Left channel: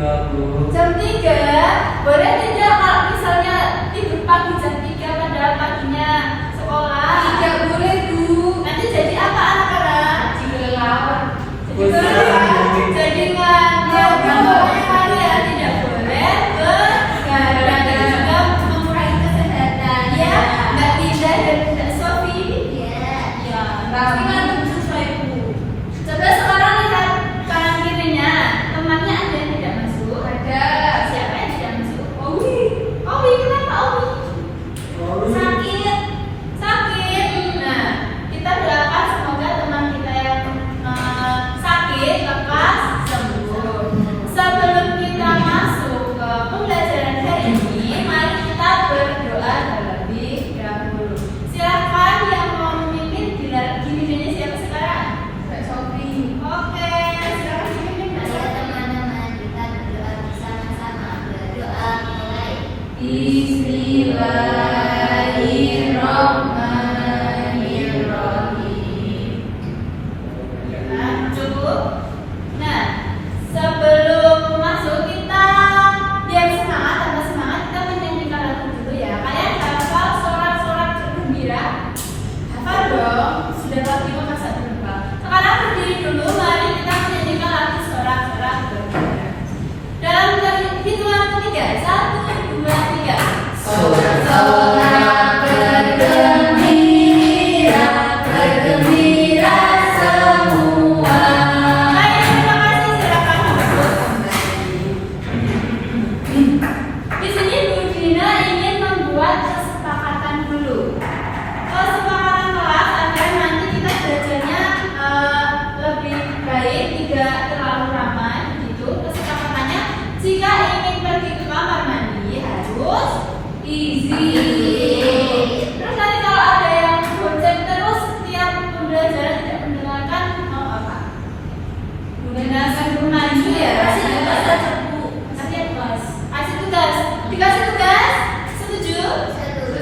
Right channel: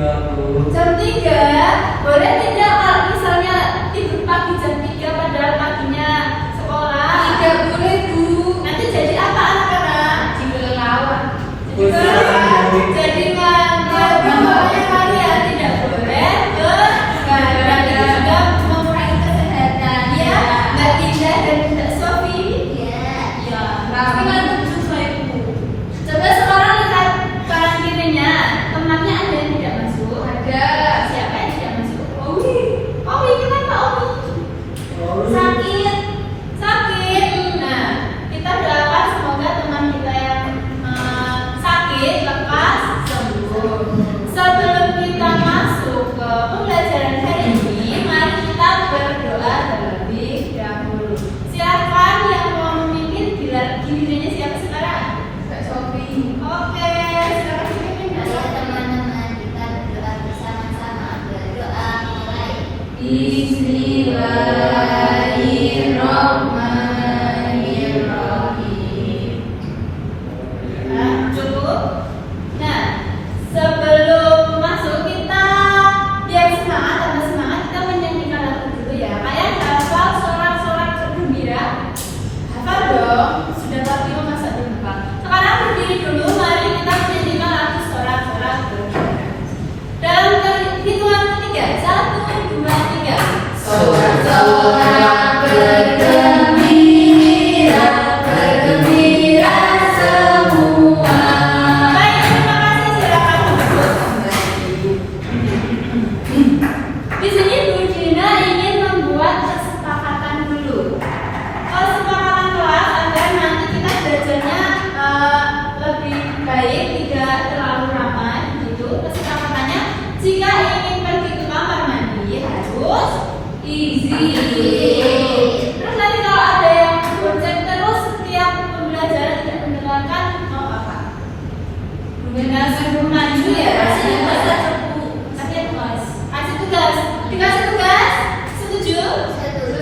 Jam 3? Boleh tidak kalau misalnya tidur pagi jam 3 padahal paginya sekolah? Tidak boleh, Bu. Nanti jadi apa anak-anak? Jadi lelawar. Jadi ngantuk. Pokoknya tidak boleh bergadang dan juga mengurangi kesehatan. Ya, Mbak Dinda dan Mbak Sofi. Ya. Tapi ngantuk sesuai Bu. Coba sekarang lihat karantinanya. Temannya ada yang tidak masuk? Ada. Siapa yang tidak masuk? Owi, kenapa Owi? Sakit. Nah, kita doakan semoga teman kita yang sakit lekas sembuh. Sebelum kita masuk ke pembelajaran hari ini, mari kita berdoa terlebih dahulu. Silakan yang mau memimpin gilirannya siapa sekarang? Mbak Sofi. Oke, silakan memimpin Mbak Sofi. Teman-teman, kita berdoa bersama-sama. Berdoa mulai. Bismillahirrahmanirrahim. Nah, cukup. Nah, sebelum masuk kita biar semangat, tambah semangat, kita menyanyikan lagu dulu ya. Kalian hafal sorak-sorak gembira? Hafal dong. Sudah pasti masa lupa. Sekarang berdiri dulu, mari kita menyanyikan lagu sorak-sorak gembira. Dalam hitungan ketiga, 1, 2, 3. Sorak-sorak bergembira, bergembira semua. Baik, terima kasih. Silakan masuk. Di sini Bu Dina ingin membuat kesepakatan dulu. Kesepakatan kelas agar nanti kita belajarnya lebih baik, tidak terlalu ramai gitu. Kesepakatannya, jika ingin pergi ke kamar mandi harus izin. Terus nanti kalau ada yang bonceng terus setiap pembelajaran tidak mendengarkan, mau apa? Mendengarkan belum maju ya? Kasih tugas. Kasih tugas. Dikasih tugas? Setuju?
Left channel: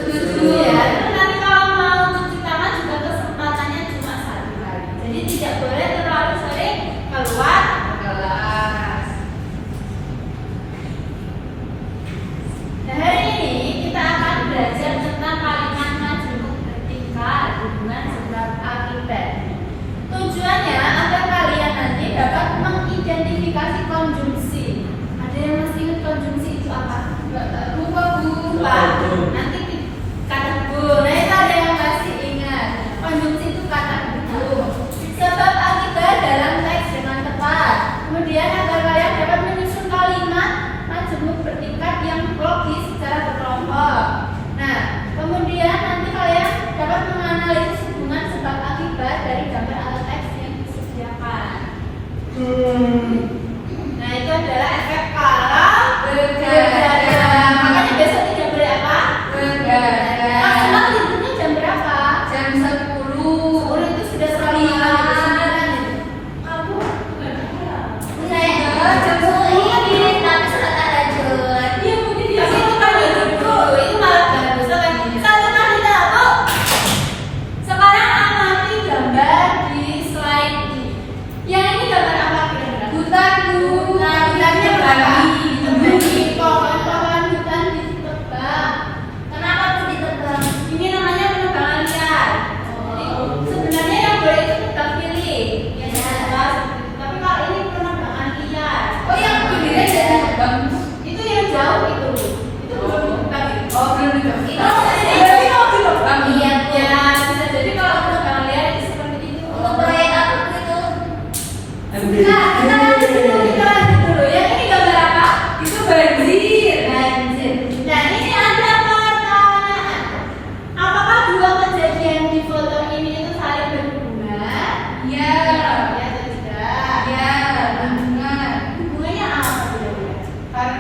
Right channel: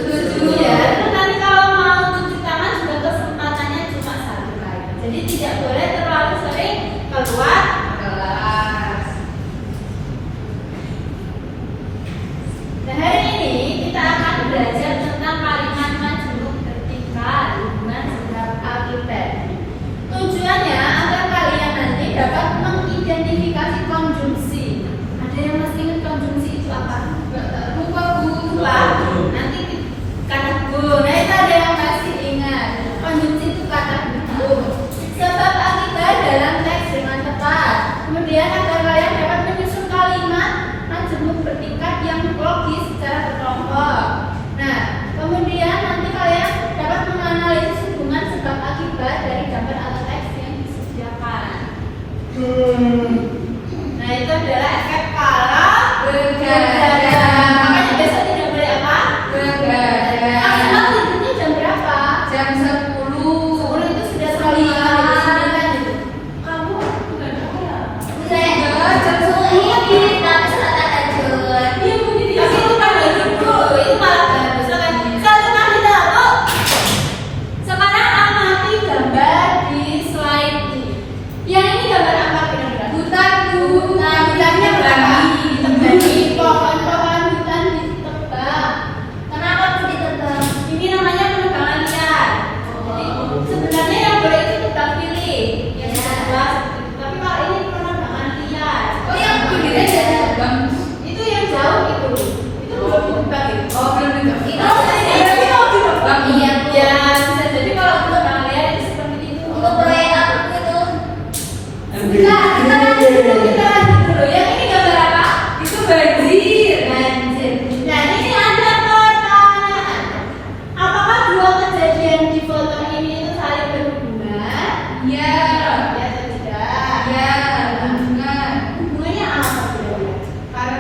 Setuju ya. Terus nanti kalau mau cuci tangan juga kesempatannya cuma 1 kali. Jadi tidak boleh terlalu sering keluar kelas. Nah, hari ini kita akan belajar tentang kalimat majemuk vertikal hubungan sebab akibat. Tujuannya agar kalian nanti dapat mengidentifikasi konjungsi. Ada yang masih ingat konjungsi itu apa? Lupa. Nanti kata hubung. Nah, itu ada yang masih ingat. Konjungsi itu kata hubung. Sebab akibat dalam teks dengan tepat. Kemudian agar kalian dapat menyusun kalimat majemuk vertikal yang logis secara berkelompok. Nah, kemudian nanti kalian dapat menganalisis hubungan sebab akibat dari gambar atau teks yang disediakan. Nah, itu adalah efek para begadang. Makanya besok tidak boleh apa? Begadang. Maksimal tidurnya jam berapa? Jam 10. 10 itu sudah sekali. Kamu Saya jawab jam 10 ini kita selatan aja. Iya, Bu Didi. Tapi itu kan lagi dulu. Itu malah bagus. Sekarang kita sekarang amati gambar di slide ini. Yang ini gambar apa kira-kira? Hutan, Bu. Nah, hutannya berapa? Ditebani. Pohon-pohon hutan ditebang. Kenapa aku ditebang? Ini namanya penebangan liar. Jadi sebenarnya yang boleh itu tebang pilih. Ya, jelas. Tapi kalau ini penebangan liar. Oh, yang pilihnya jadi tebang. Itu yang jauh itu. Itu belum ditebang. Oh, belum ditebang. Itu Tapi mau ditebang. Iya, Bu. Ya, bisa jadi kalau penebangan liar itu seperti itu. Untuk proyek apa itu? Nah, kita lanjut dulu. Yang ini gambar apa? Itu banjir. Nah, ini ada pertanyaan. Apakah dua kejadian di foto ini itu saling berhubungan? Ya. Ya atau tidak? Ya, berhubungan. Hubungannya apa? Karena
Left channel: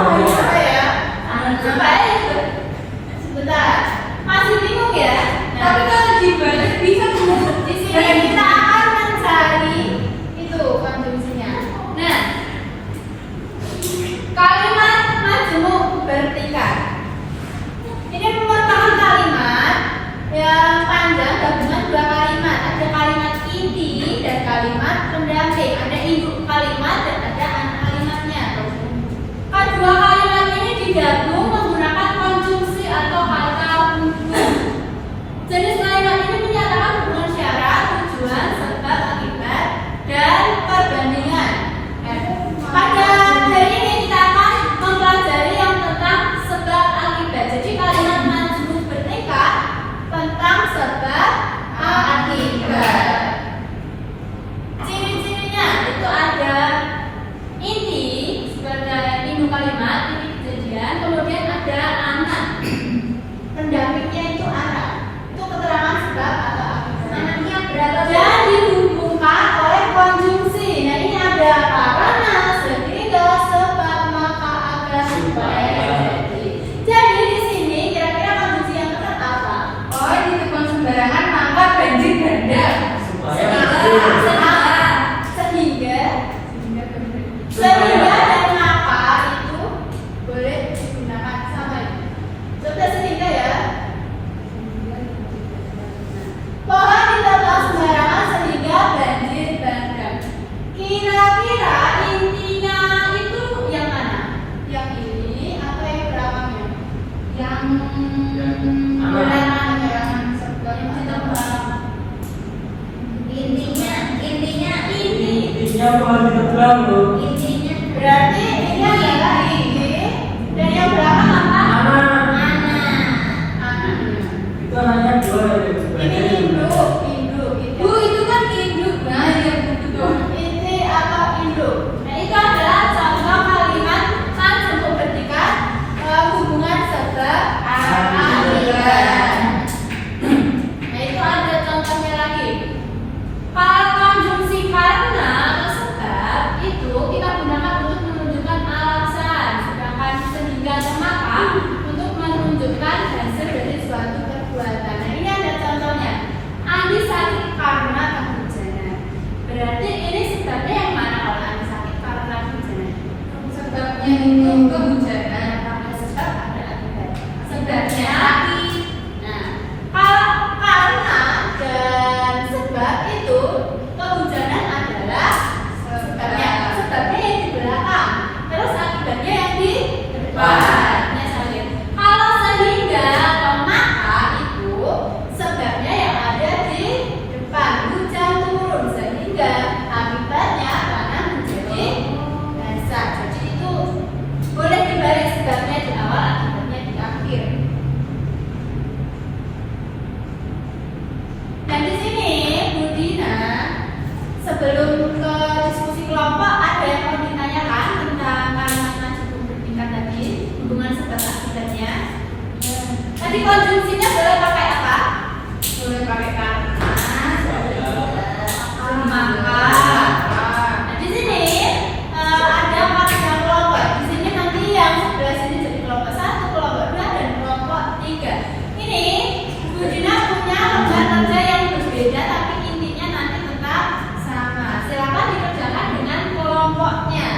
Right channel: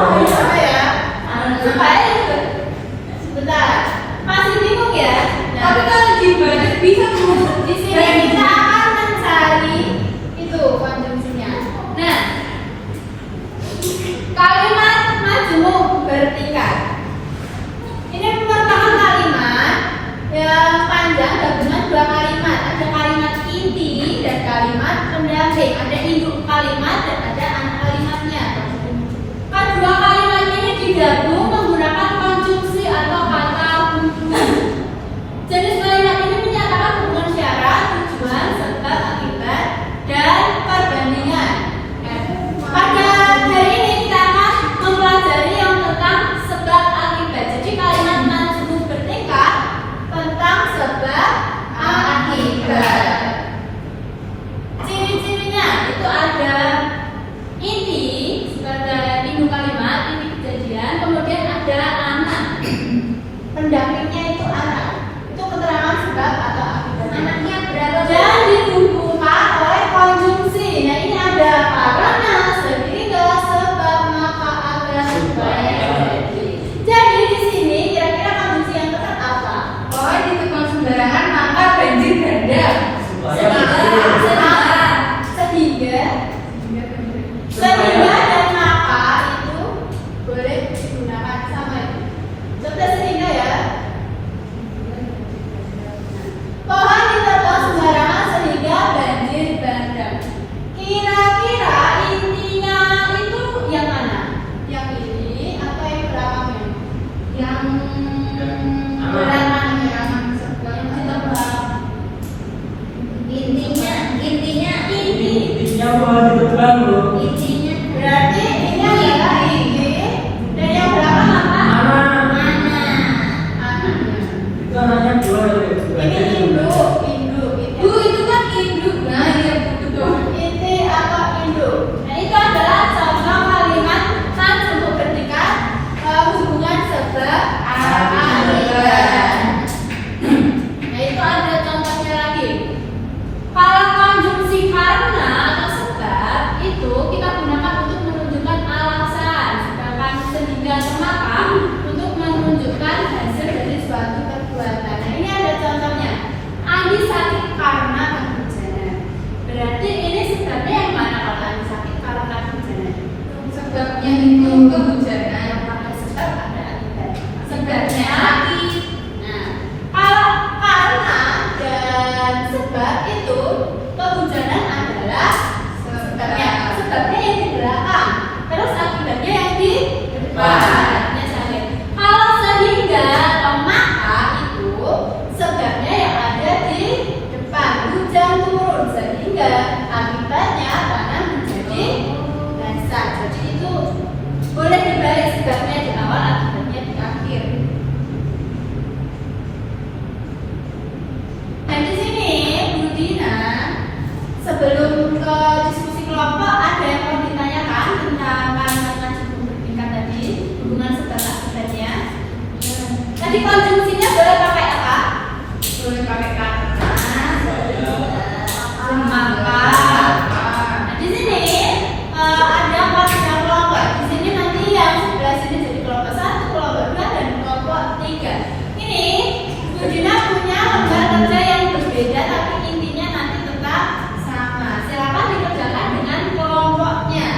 Apa ya? Supaya sebentar. Masih bingung ya? Tapi kalau lagi banyak bisa tuh. Di sini kita akan mencari itu konjungsinya. Nah, kalimat majemuk bertingkat. Ini merupakan kalimat yang panjang gabungan dua kalimat. Ada kalimat inti dan kalimat pendamping. Ada induk kalimat dan ada anak kalimatnya. Kedua kalimat ini digabung menggunakan konjungsi atau kata kunci. Jenis kalimat ini menyatakan hubungan syarat, tujuan, sebab, akibat, dan perbandingan. Pada hari ini kita akan mempelajari yang tentang sebab akibat. Jadi kalimat majemuk bertingkat tentang sebab akibat. Ciri-cirinya itu ada inti sebagai induk kalimat, inti kejadian, kemudian ada anak. Pendampingnya itu anak. Itu keterangan sebab atau akibat. Anaknya berapa? Dan dihubungkan oleh konjungsi. Nah ini ada karena, sehingga, sebab, maka, akan, supaya. Jadi di sini kira-kira konjungsi yang tepat apa? Oh, dititipkan sembarangan maka banjir bandang. Sehingga dan maka itu boleh digunakan sama itu. Contoh sehingga ya. Pohon ditebang sembarangan sehingga banjir bandang. Kira-kira intinya itu yang mana? Yang ini atau yang belakangnya? Yang belakangnya. Intinya bukan ditebang loh. Intinya Berarti ini adalah ini dan yang belakang apa? Anaknya itu anaknya dua ya. Ini induk. itu kan induk. Nah, ya betul. Inti atau induk. Nah itu adalah contoh kalimat majemuk bertingkat hubungan sebab akibat. Nah itu ada contohnya lagi. Kalau konjungsi karena atau sebab itu kita gunakan untuk menunjukkan alasan, sedangkan sehingga atau maka untuk menunjukkan hasil dari suatu perbuatan. Nah ini ada contohnya. Andi sakit karena kehujanan. Berarti ini sebabnya yang mana kalau Andi sakit karena kehujanan? Sebabnya itu kehujanan. Sebab ada akibat. Sebabnya sakit. Nah, kalau karena dan sebab itu kehujanan adalah sebabnya. Sebabnya yang di belakang, terus akibatnya yang di depan. Kalau sehingga atau maka itu sebabnya yang ada di depan. Hujan turun sehingga akibatnya tanah menjadi basah. Jadi itu boleh dibalik sebabnya di awal, akibatnya di akhir. Nah di sini Bu Dina sebelum ke diskusi kelompok ada yang mau ditanyakan tentang kalimat majemuk bertingkat tadi, hubungan sebab akibatnya. Tadi konjungsinya boleh pakai apa? Boleh pakai karena, maka. Nah di sini ada pakai kelompok. Di sini nanti yang sebelah sini jadi kelompok 1, kelompok 2 dan kelompok 3. Ini Bu Dina punya lembar kerja yang berbeda tapi intinya nanti tetap sama. Silakan dikerjakan dengan kelompoknya.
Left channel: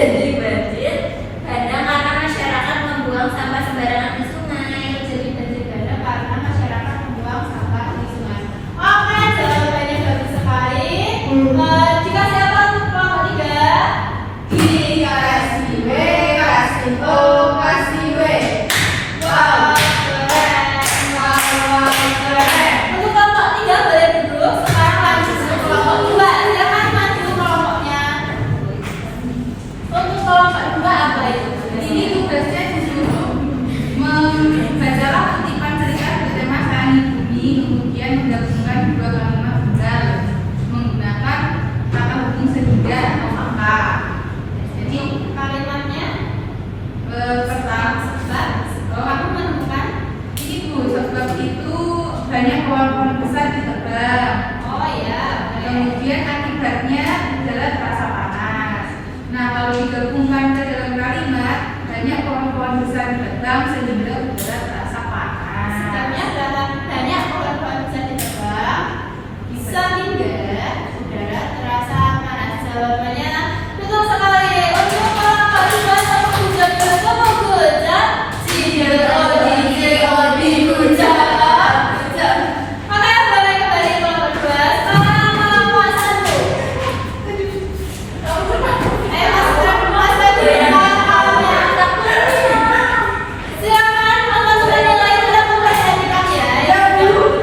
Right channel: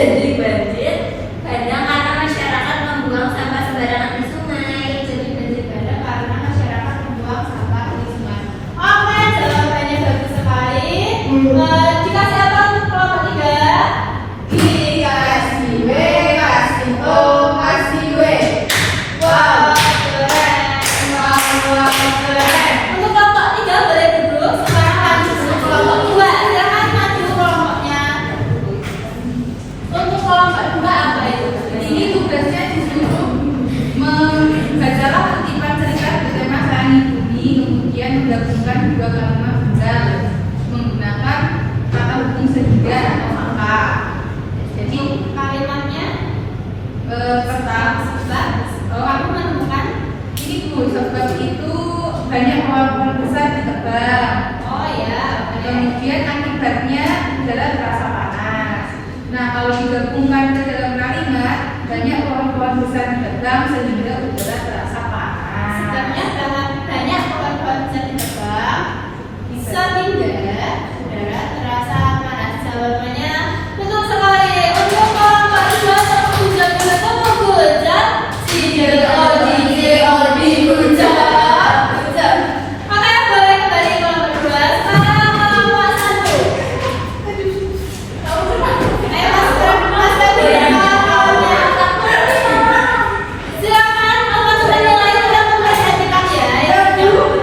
jadi banjir karena masyarakat membuang sampah sembarangan di sungai. jadi banjir karena masyarakat membuang sampah di sungai. Oke, jawabannya bagus sekali. Dikasih apa untuk kelompok 3? Dikasih W, kasih O, kasih W. Wow, keren. Untuk kelompok 3 boleh duduk. Sekarang maju ke kelompok 2. Jangan maju kelompoknya. Untuk kelompok 2 apa itu? Ini tugasnya disuruh membacalah kutipan cerita bersama saling budi, kemudian menggabungkan dua kalimat tunggal menggunakan kata hubung segitiga atau angka. Jadi Kalimatnya pertama kamu menemukan. itu sebab itu banyak pohon-pohon besar ditebang. Oh ya, Kemudian akibatnya adalah terasa panas. Nah, kalau digabungkan ke dalam kalimat, banyak pohon-pohon besar ditebang sehingga udara terasa panas. sebenarnya dalam banyak pohon-pohon bisa ditebang sehingga udara terasa panas. Jawabannya betul sekali. Untuk kelompok 2 tepuk hujat dulu, tepuk hujat. Hujat. Oke, boleh kembali kelompok 2. Sekarang kelompok 1. Mas Febri, silakan kalau sudah mulai kita mempresentasikan ya. Ayo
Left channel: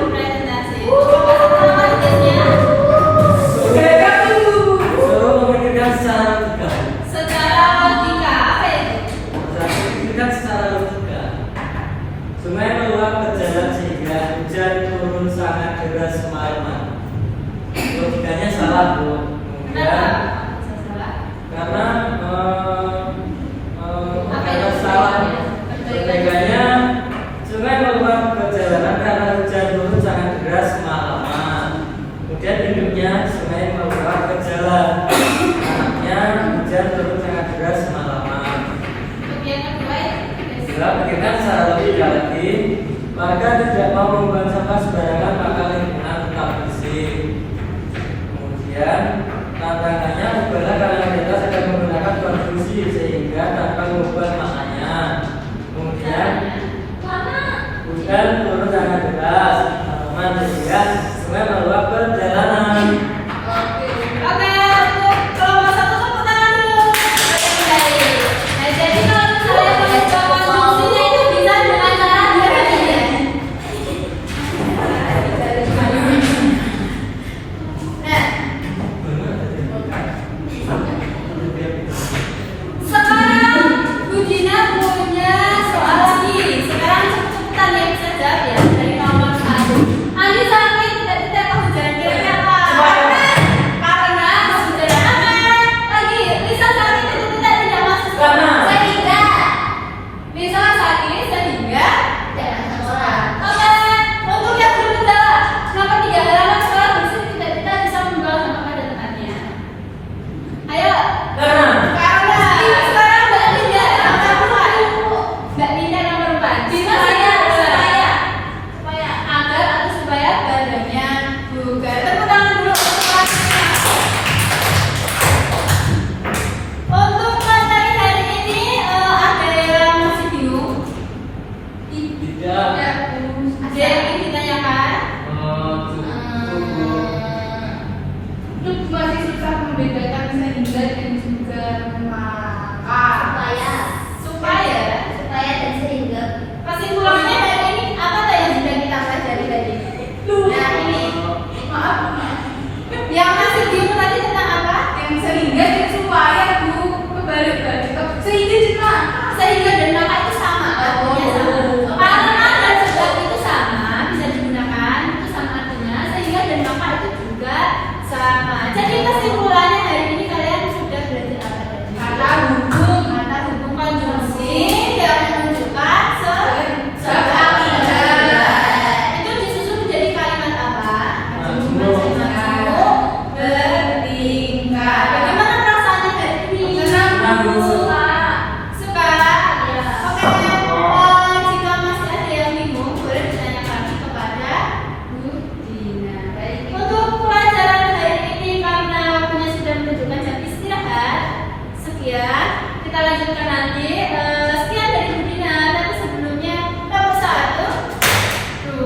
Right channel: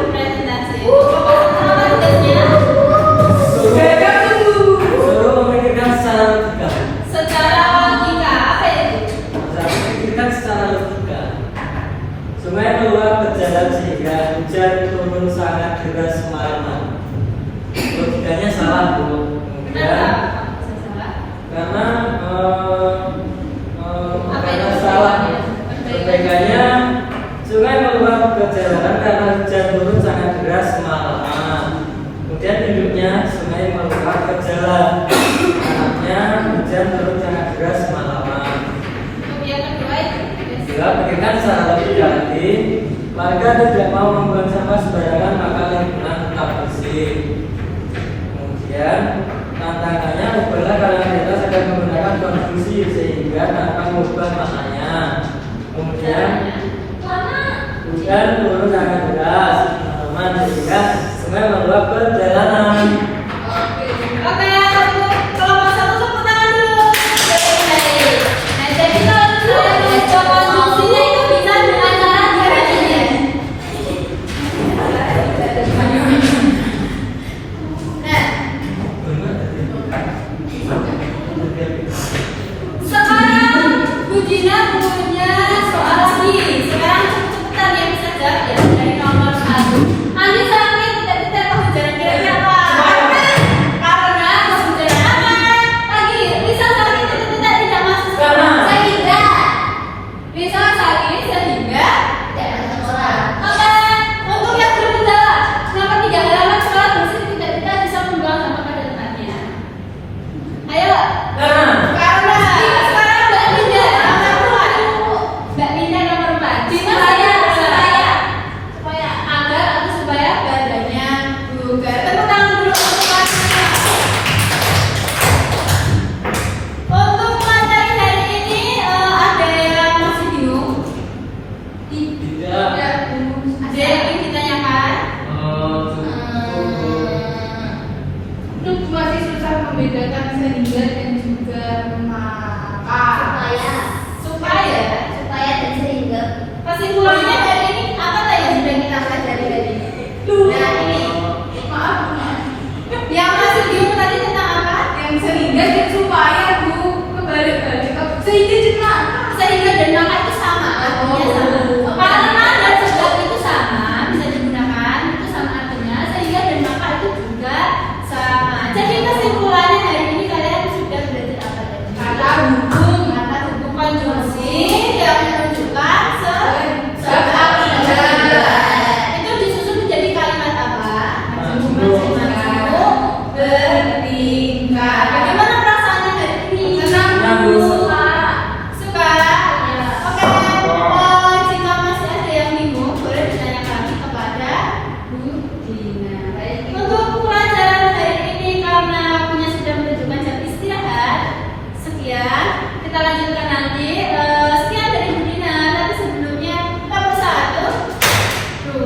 presentasi. Apa tugasnya? Suruh memikirkan secara logika. Secara logika apa itu? Memikirkan secara logika. Sungai meluap berjalan sehingga hujan turun sangat deras semalaman. Logikanya salah, Bu. Kenapa? Ya, Salah. karena salah. Logikanya sungai meluap berjalan karena hujan turun sangat deras semalaman. Kemudian induknya sungai meluap ke jalan. Anaknya hujan turun sangat deras semalaman. Kemudian kedua itu. Bila pikirkan secara logika lagi, warga tidak mau membuang sampah sembarangan maka lingkungan tetap bersih. Kemudian tantangannya adalah kalian bebas akan menggunakan konstruksi sehingga tanpa mengubah maknanya. Kemudian hujan turun sangat deras, teman sehingga sungai meluap perjalanan. Oke, untuk kelompok 1 tepuk tangan dulu. Nah, jadi kalau misalnya mencoba konstruksinya itu bisa dengan cara ini. Nah, sekarang Budina punya soal lagi. Sekarang cepetan yang bisa jawab ya dari nomor 1. Andi saat ini tidak hujan kira-kira kita lanjutkan nanti. Sekian dari Bu Dina, tapi sebelumnya nomor 1,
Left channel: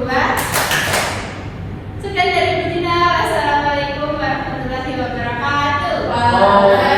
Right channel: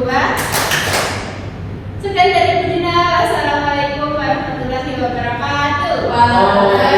2. Sekian dari Bu Dina. Wassalamualaikum warahmatullahi wabarakatuh. Waalaikumsalam.